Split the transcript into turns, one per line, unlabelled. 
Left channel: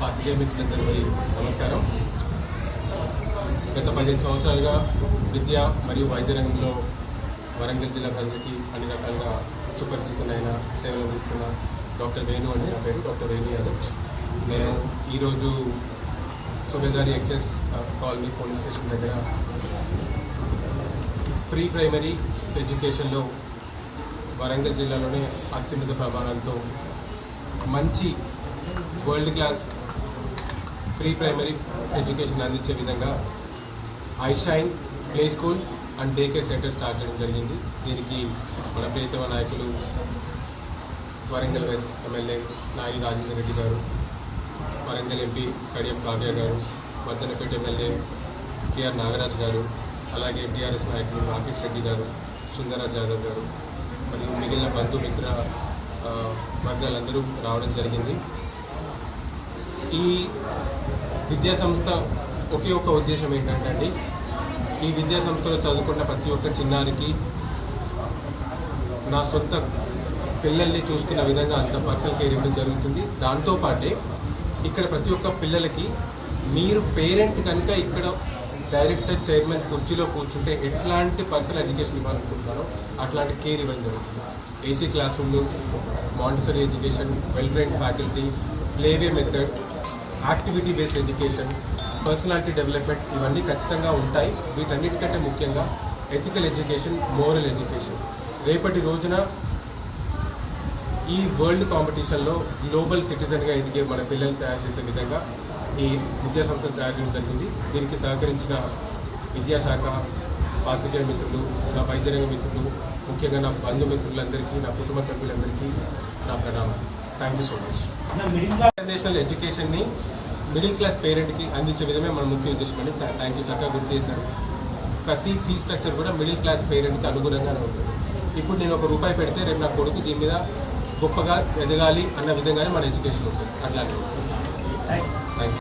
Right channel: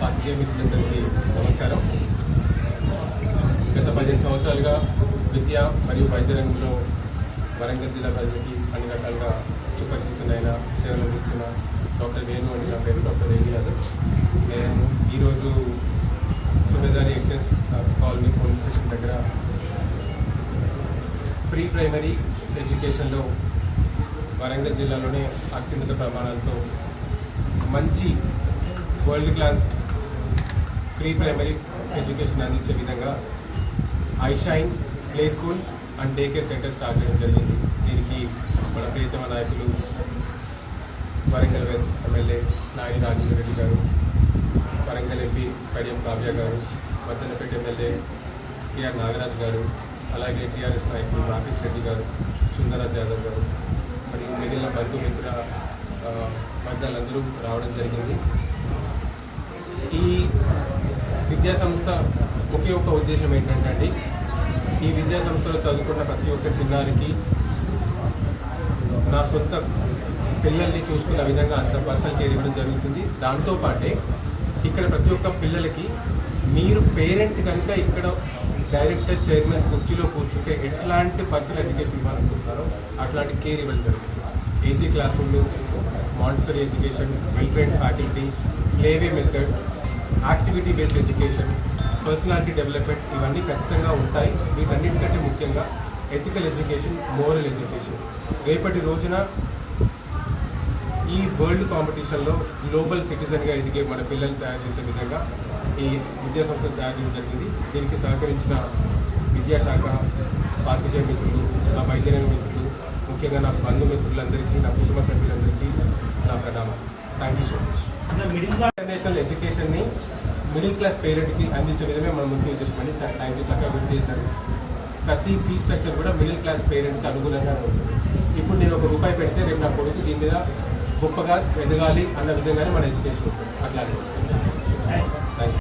పాత్రికేయ మిత్రులందరికీ నమస్కారం. గత పదిహేను సంవత్సరాలుగా విద్య మరియు వైద్య రంగంలో వరంగల్ జిల్లా ప్రజలకి అన్ని రకాలుగా సుపరిచితులైన సేవలు అందిస్తున్న డాక్టర్ వేణు అని నా పేరు డాక్టర్ వేణు యాదవ్. నేను ఈరోజు Subedari excise colony police station దగ్గర ప్రీ ప్రైమరీ ఎడ్యుకేషన్లో వరంగల్ జిల్లాలోనే అత్యున్నత ప్రమాణాలతో మంచి world class pre primary education అందించే విధంగా iShine play school and day care centre start చేయడం జరిగింది. దీనికి మన ప్రియతమ నాయకులు వరంగల్ వెస్ట్ ఎమ్మెల్యే నాయని రాజేంద్ర రెడ్డి గారు వరంగల్ ఎంపీ కడియం కావ్య గారు మద్దనపేట ఎమ్మెల్యే కేఆర్ నాగరాజ్ గారు అలాగే టీఆర్ఎస్ నాయకులు రాకేష్ రెడ్డి గారు సుందరరాజ్ యాదవ్ గారు మరియు మిగిలిన బంధుమిత్ర వర్గాలందరూ రావడం జరిగింది. ఈ విద్యా సంస్థ ఒకే ఒక ఉద్దేశం ఏంటంటే అండి ఈ విద్యా సంస్థలో చదువుకున్న ప్రతి ఒక్క చిన్నారికి నా సొంత పిల్లల్ని చూసుకున్న విధంగా అంత పర్సనల్ కేర్ ఇవ్వడం జరుగుతుంది. దాంతోపాటే ఇక్కడ ప్రతి ఒక్క పిల్లలకి మీరు పేరెంట్ కనుక ఇక్కడ డైరెక్టర్ చైర్మన్ కుర్చీలో కూర్చుంటే ఎట్లాంటి పర్సనల్ ఎడ్యుకేషన్ ఇవ్వాలనుకుంటున్నారో అట్లాంటి కేర్ ఇవ్వడం జరుగుతుంది. ఏసీ క్లాస్ రూమ్లు Montessori education well train faculty play way method activity based education personality development ఇవన్నీ ఖచ్చితంగా ఉంటాయి. వీటన్నిటికంటే ముఖ్యంగా ఎథికల్ ఎడ్యుకేషన్ మోరల్ ఎడ్యుకేషన్. రేపటి రోజున ఈ వరల్డ్ కాంపిటీషన్లో గ్లోబల్ సిటిజన్గా ఎదిగే మన పిల్లలు తయారు చేసే విధంగా ఈ విద్యా సంస్థను తయారు చేయడం జరిగింది. దీనికి సహకరించిన విద్యాశాఖ పాత్రికేయ మిత్రులు నా వైద్యరంగ మిత్రులు ముఖ్యంగా నా బంధుమిత్రులందరికీ నా కుటుంబ సభ్యులందరికీ నా ప్రణామాలు. Thank you so much international ఎడ్యుకేషన్ని middle class పేరెంట్కి అందించే విధమే మన ముఖ్య ఉద్దేశం అని థ్యాంక్ యూ చక్కగా గుర్తు చేశారు. ప్రతి ఫీ స్ట్రక్చర్ కూడా మిడిల్ క్లాస్ పేరెంట్కి అనుగుణంగానే ఉంటుంది. ఇప్పుడు నేను ఒక రూపాయి పెడితే రేపు నా కొడుకు దీని మీద గొప్పగా ఎదగాలి అన్న విధంగానే మన ఎడ్యుకేషన్ ఉంటుంది. అట్లాంటివి